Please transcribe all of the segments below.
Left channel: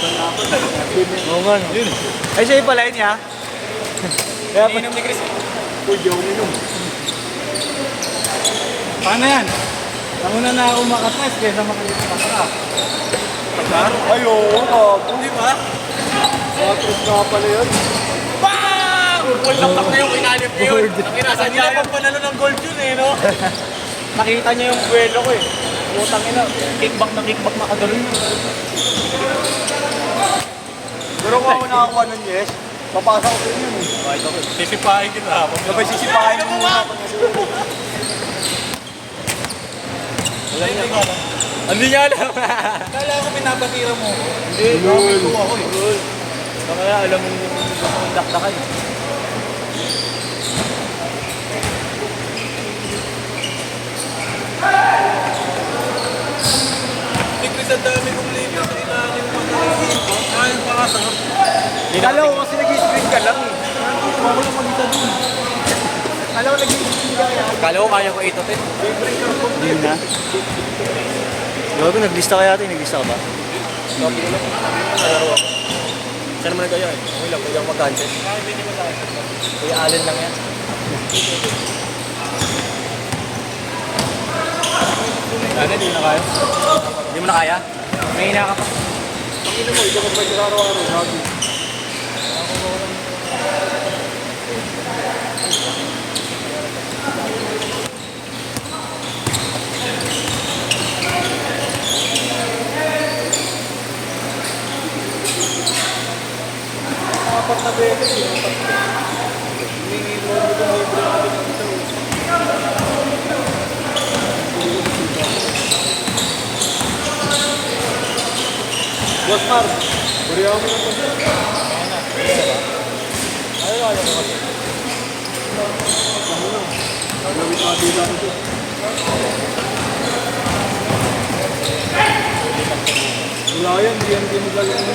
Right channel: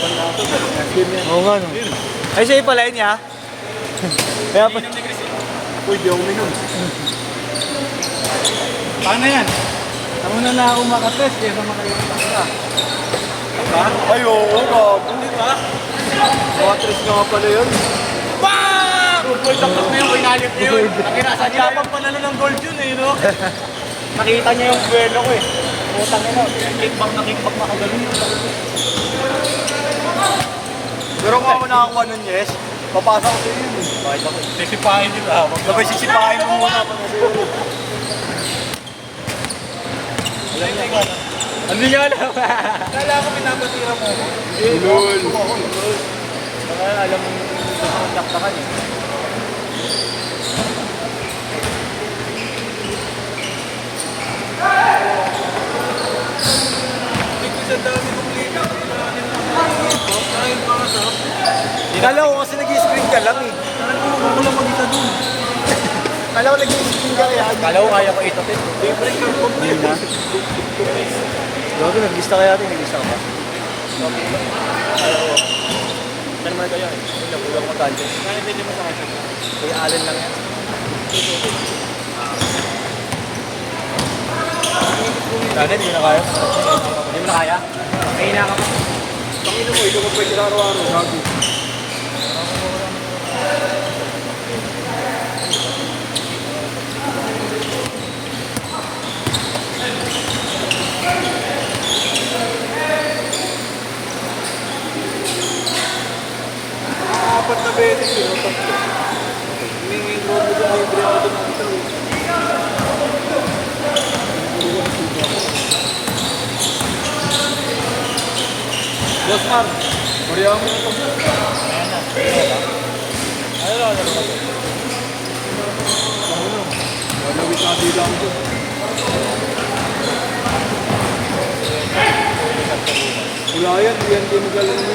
Oo nga. Ay, sa'yo pala yun niya. Kaya pa. Ininom ni Chris eh. Uy, di ako minum. Paano yan? Ako na ako makapres kaysa makikita ka. Ha? Ay, oo, bago. Hindi ba? Matros nga pala yun. Bang! Full lakap na yung inalim niya yun. Nakirasa niya yung panalo ng gold yun eh, no? Nakita niya yung buwelo ko eh. Putang ina. Kickback na kagaling. Pero kung ako nakakuha nun, yes, papasa ko sa inyo. Bakit ako? Sisipahin kita. Sabay sisipahin mo muna. Hindi niya alam. Kala ko pinapatira mo. Lul. Baka alam mo yung dakdakan. Tigris ang dami kong liga. Ay, pasa. Kala ko kasi nag-screen ka lang eh. Ako lang mag-isa dun. Kala ko nag-screen ka kaya. Kala ko kaya ko itapin. Hindi na. Grabe, naglista kaya ito. Naglista ka ba? Saan naman kaya? Hindi lang, pwede ako mag-cancel. Hindi mo sa akin. Kaya alin lang yan. Sana, hindi na kaya. Hindi mo na kaya? May hina ka pa. Pangino mo, ito mag-pwede sa araw-araw. Sabi. Apat na beses, tatlo. Humingi mo mo doon, libre mo doon ang ito. Yes, ma'am. Buriya mo na ito. Gawin na bilang ito. Wala yan, hindi yan dinagalan mo.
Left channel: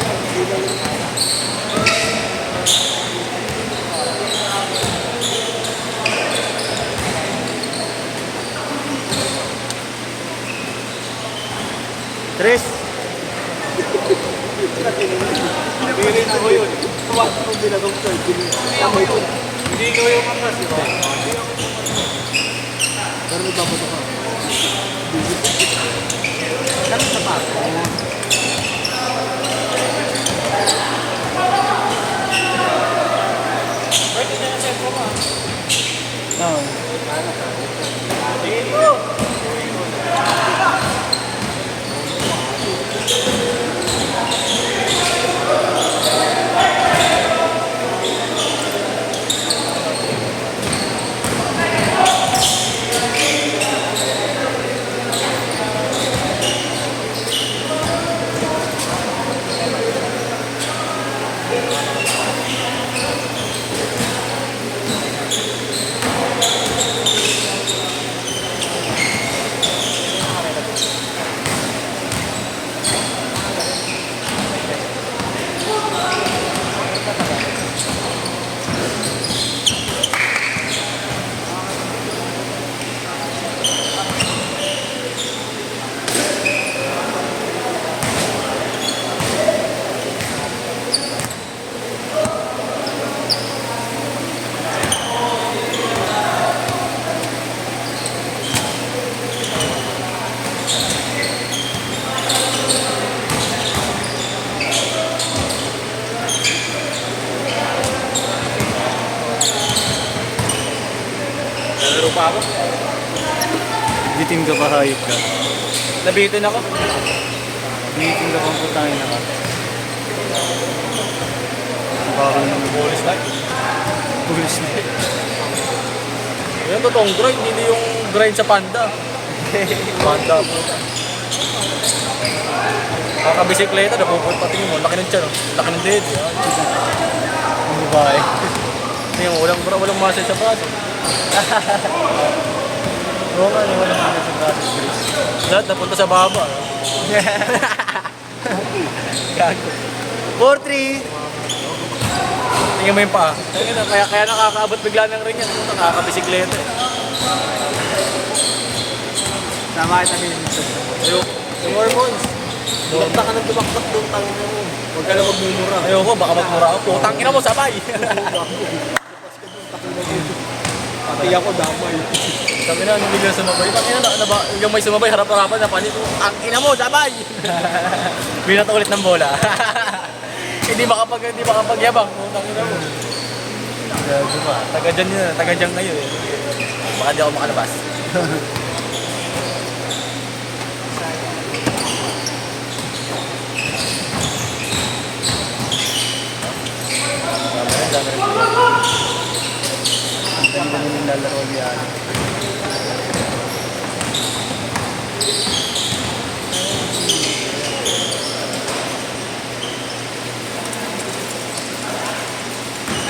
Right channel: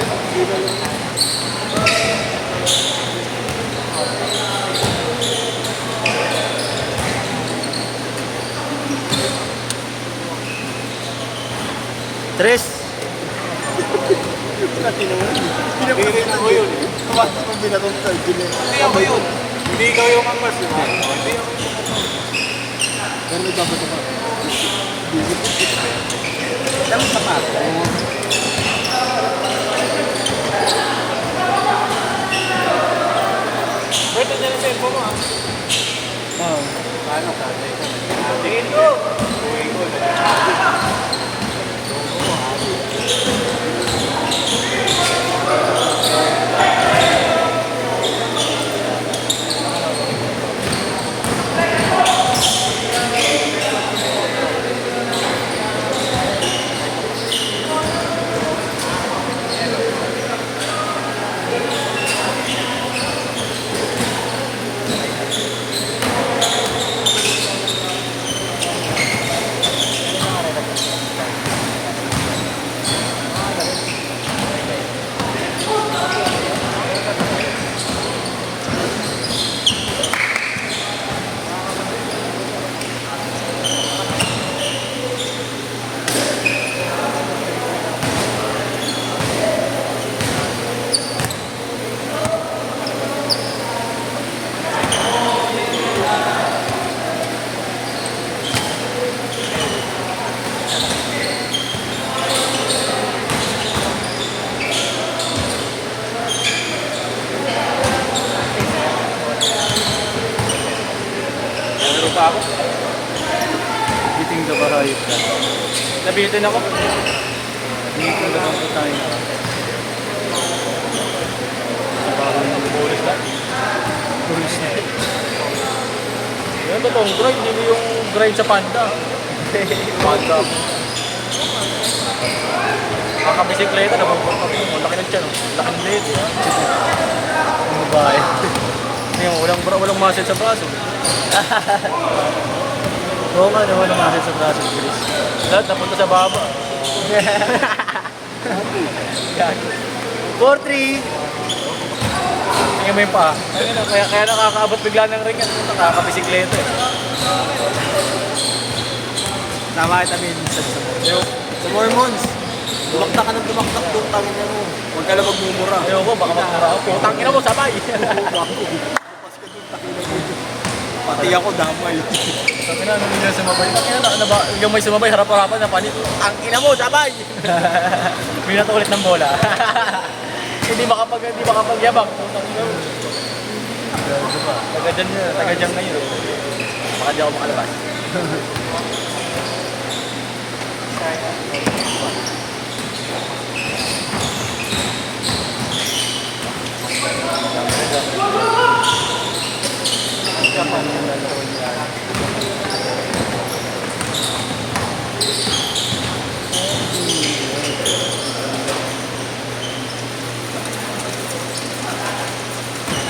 Tres. Pirin mo yun. Bakit mo binatong sa ikin? Hindi ikaw yung angkas, di ba? Pero may babato ka. Dami sa pa. Pwede dyan ang tempo mo, ha? Oo. Tingin mo! Nalaro pa ako. Biting ka pa kayo. Nabitin ako. Biting ka pang putang ina. Bago naman bubulis na. Pulis na. Yan totoong grind, hindi yung grind sa panda. Panda. Nakabisikleta, napupuntating mo. Laki ng tiyan. Laki ng dead. Ang babae. Yung walang muscle sa baso. Oo nga naman ang sa braso ng Chris. Lahat napunta sa baba. Gago. 4-3. Tingnan mo yung paa. Kaya nakakaabot bigla ng ring yan. Nakakabisikleta eh. Tama kita din. Ayun. Hormones. Dumakta ka ng dumaktak doon, tangin mo. Huwag ka lang magmumura. Ayoko, baka magmura ako. Putang ina mo, sabay. Bago. Tapos ka doon, takin na dito. Pati ako damay. Sabi na, nung biglang sumabay. Tangina na ba? Yung may sumabay, harap-harapan na panito. Ang ina mo, sabay! Binat ulit ng bola. Hindi makapagyabang. Taga dyan yun, taga dyan ngayon. Baka di ako makalabas.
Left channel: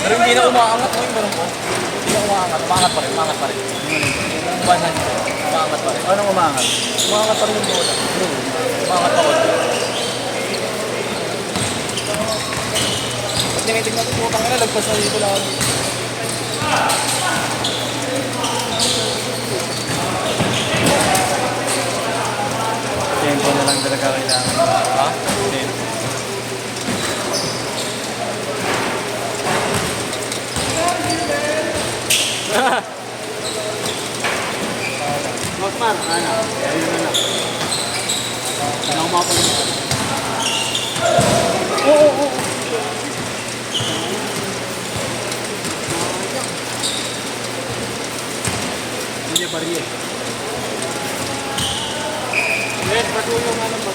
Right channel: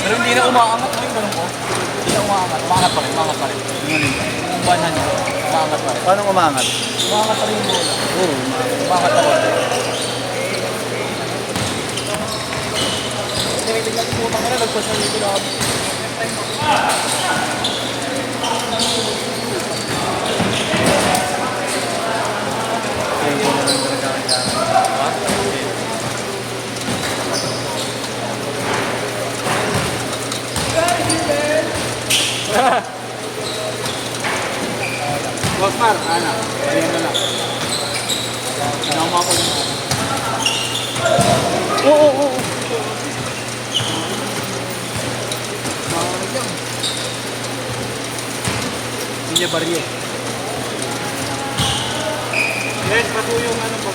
Pero hindi na umaangat ngayon, ganun ko. Hindi na umaangat. Umaangat pa rin. Umaangat nyo. Umaangat pa rin. Anong umangat? Umaangat pa rin yung bola. Umaangat pa rin. Tinitignan ko kung ano, nagkasali ko lang. Yan ko naman gagawin. Osman, ano? Ayun mo na. Tama mo ako yun. Oo. Hindi baryo. Yes, pati yung ano ba?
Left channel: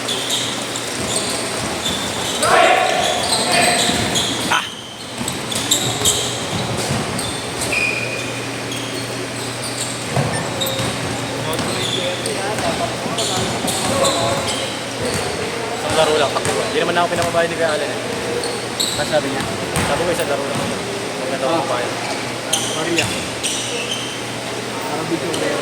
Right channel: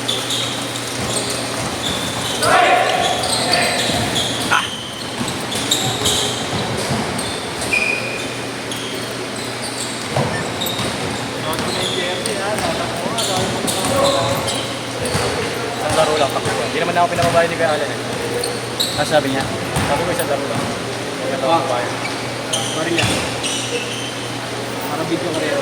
Isang laro lang, takbuhan. Hindi naman ako pinamabayan ni Kuya Alan eh. Ano sabi niya? Sabi ko isang laro lang ako. Huwag na daw ako bayan. Hindi niya. Ang video ko yun.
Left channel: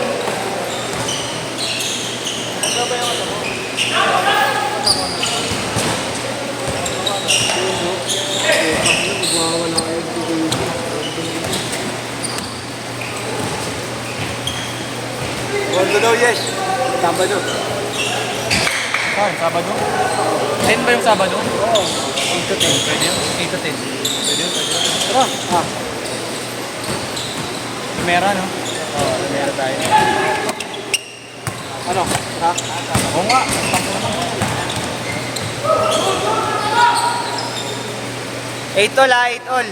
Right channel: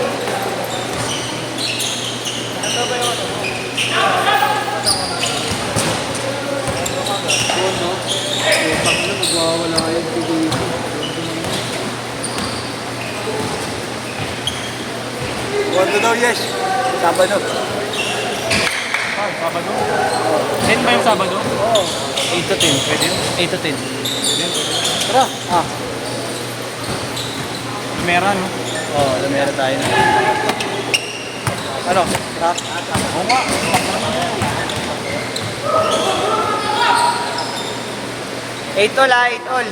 Gondo daw, yes. Sabado. Ay, Sabado. 10 ba yung Sabado? Oo. 8 to 10. Pwede yun? 8 to 10. Pwede yun. Tara. Ah. Lumera, no? Oo, meron tayo. Ano? Ha? Oo nga. Eight all, 8 all.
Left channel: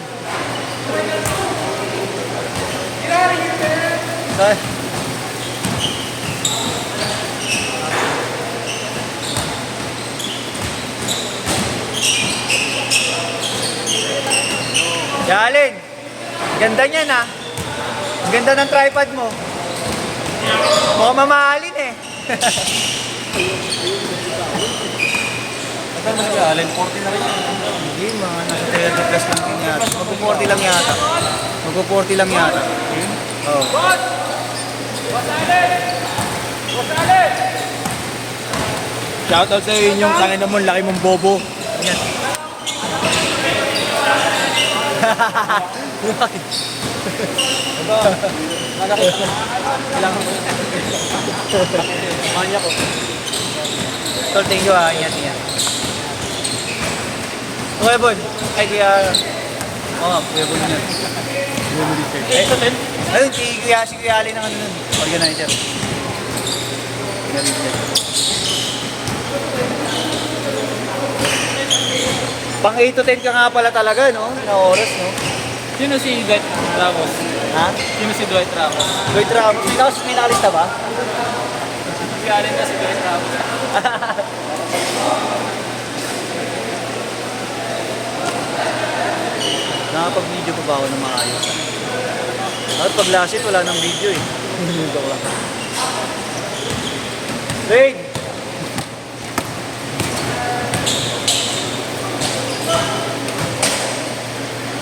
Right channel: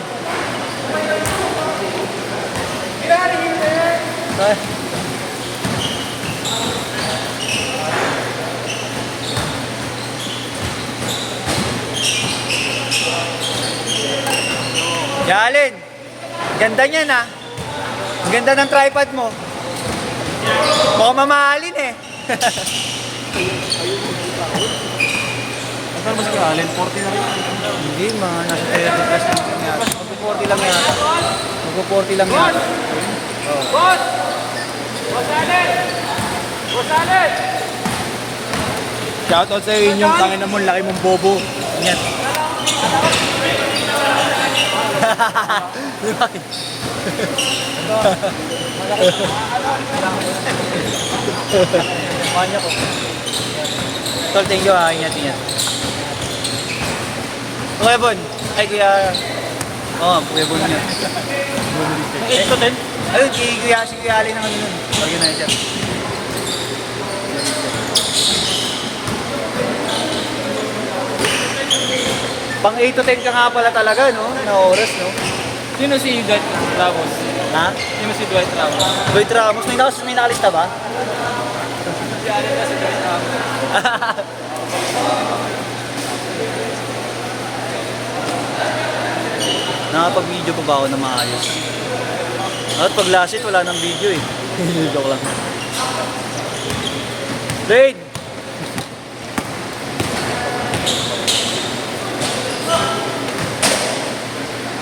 Jalin, ganda niyan ah. Ang ganda ng tripod mo. Baka mamahalin eh. Ito naman si Kuya Alan, 40 na rin yan. Hindi, mga nasa 30 plus lang yan. Mag-40 lang yan. Mag-40 lang yan. Oh. Shoutout sa iyo yung kanina mo, laki mong bobo. Yan. Bakit? Manya ko. Tol, thank you ah. Ingat niya. Okay, Bon. Ay, kaya... Oo, Kuya Bon yan. Yung 8 to 10? Ayun, si Kuya Ali na kami yun. Organizer. Pang 8 to 10 ka nga pala talaga, no? Na oras, no? Sino si Dwight Ramos? Ha? Sino si Dwight Ramos? Lloyd Ramos. May nakalista ba? Si Alan kasi Dwight Ramos. Nakapag-video pa ba ako ng maayos? At pag last hit, wala nang video eh. Joke lang. Raid!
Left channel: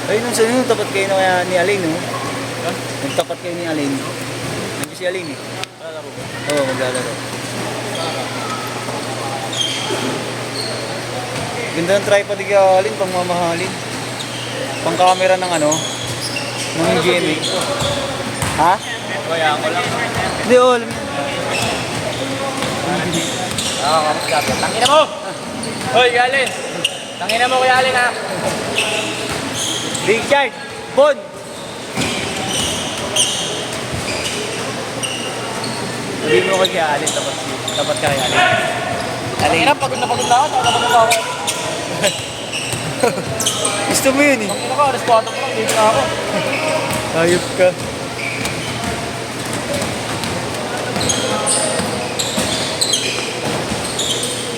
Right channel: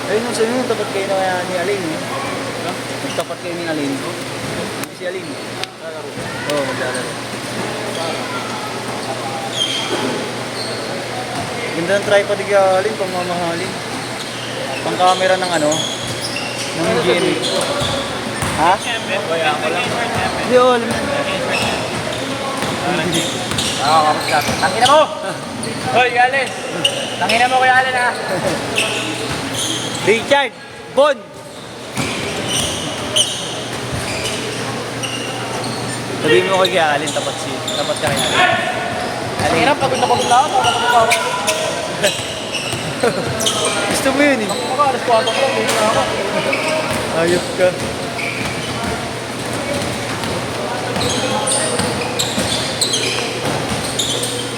Ayun nung sa'yo, tapat kayo na ni Aline, no? Nagtapat kayo ni Aline. Hindi si Aline, eh. Oo, maglalaro. Ganda ng tripod ni Aline, pang mamahalin. Pang camera ng ano, ng GMA. Ha? Hindi, all man. Kamusta? Tangina mo! Hoy, Allen. Tangina mo Kuya Allen ha. Richard, Bon. Sabihin mo kay Kuya Allen, tapat kaya Allen. Tangina, pagod na ako. Gusto mo yun eh. Ano ba, alas 4 dito na ako. Ayop ka.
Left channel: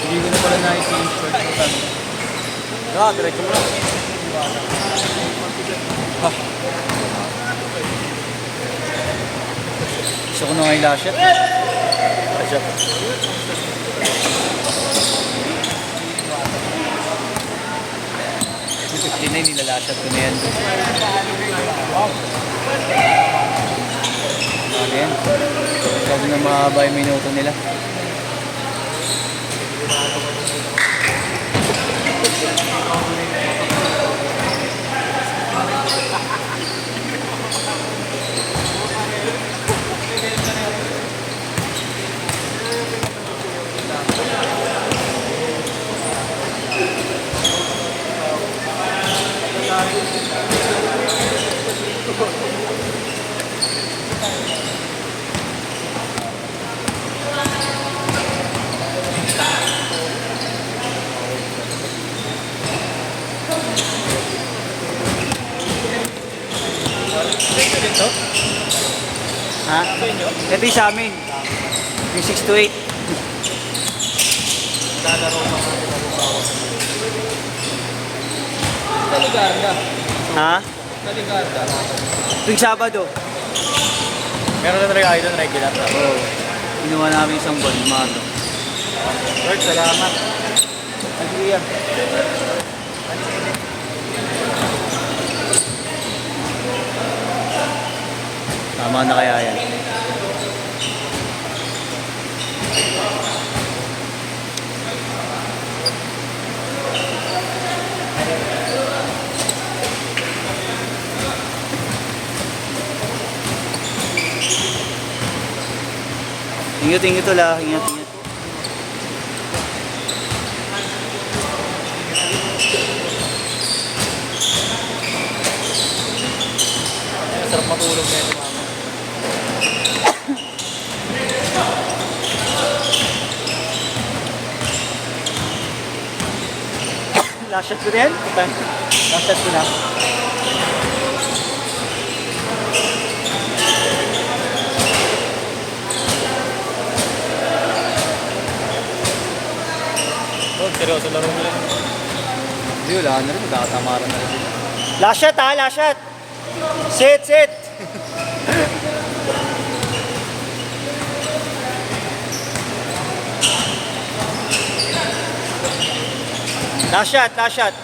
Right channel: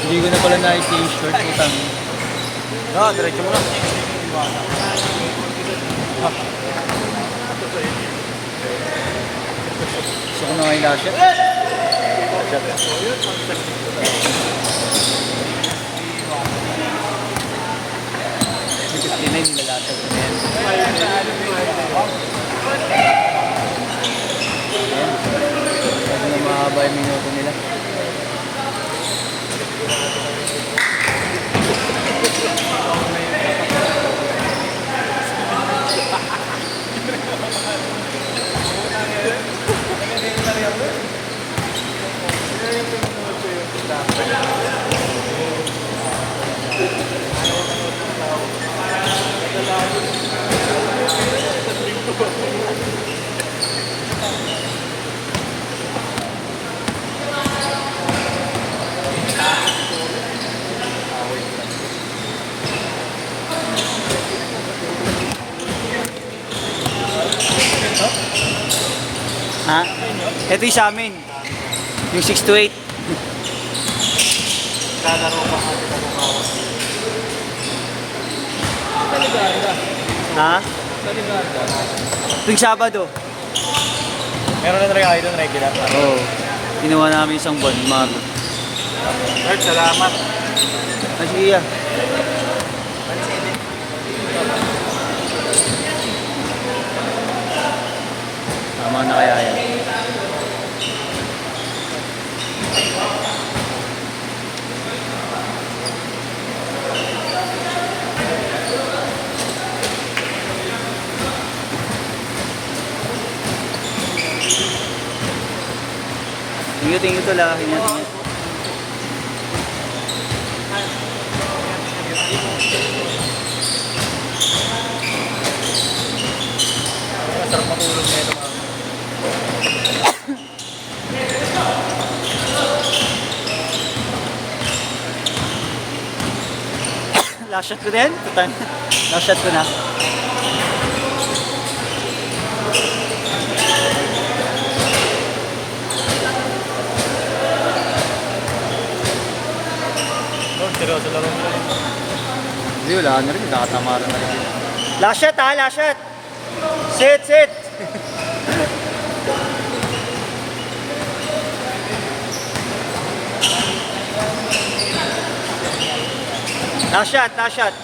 Hindi ko na pala na-change shirt ko tabi. Diretso mo na. Gusto ko na ang lasher. Yung 59 nilalasher ko na yan. Ayan. Sabi na mahaba yung minuto nila. Ha? Ito yung sa amin. Yung 6 to 8. Ha? Tuwing Sabado. Meron na talaga kayo doon regular. Oo. Ginawa namin isang buwan, umaga. Lord, salamat. Sige yan. Tama na kaya yan. Ingat ito lah, ingat. Sarap matulog na ito mama. Last shot ko na yan? Last shot ko na. Seryoso laro nila. Hindi, wala na rin. Nakatamaran na rin. Last shot ha, last shot. Sit, sit. Last shot, last shot.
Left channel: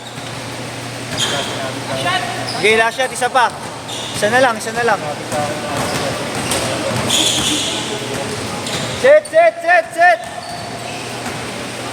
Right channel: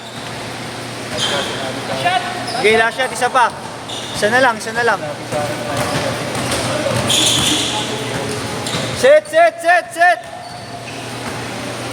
Okay, last shot, isa pa. Isa na lang, isa na lang. Sit, sit, sit, sit.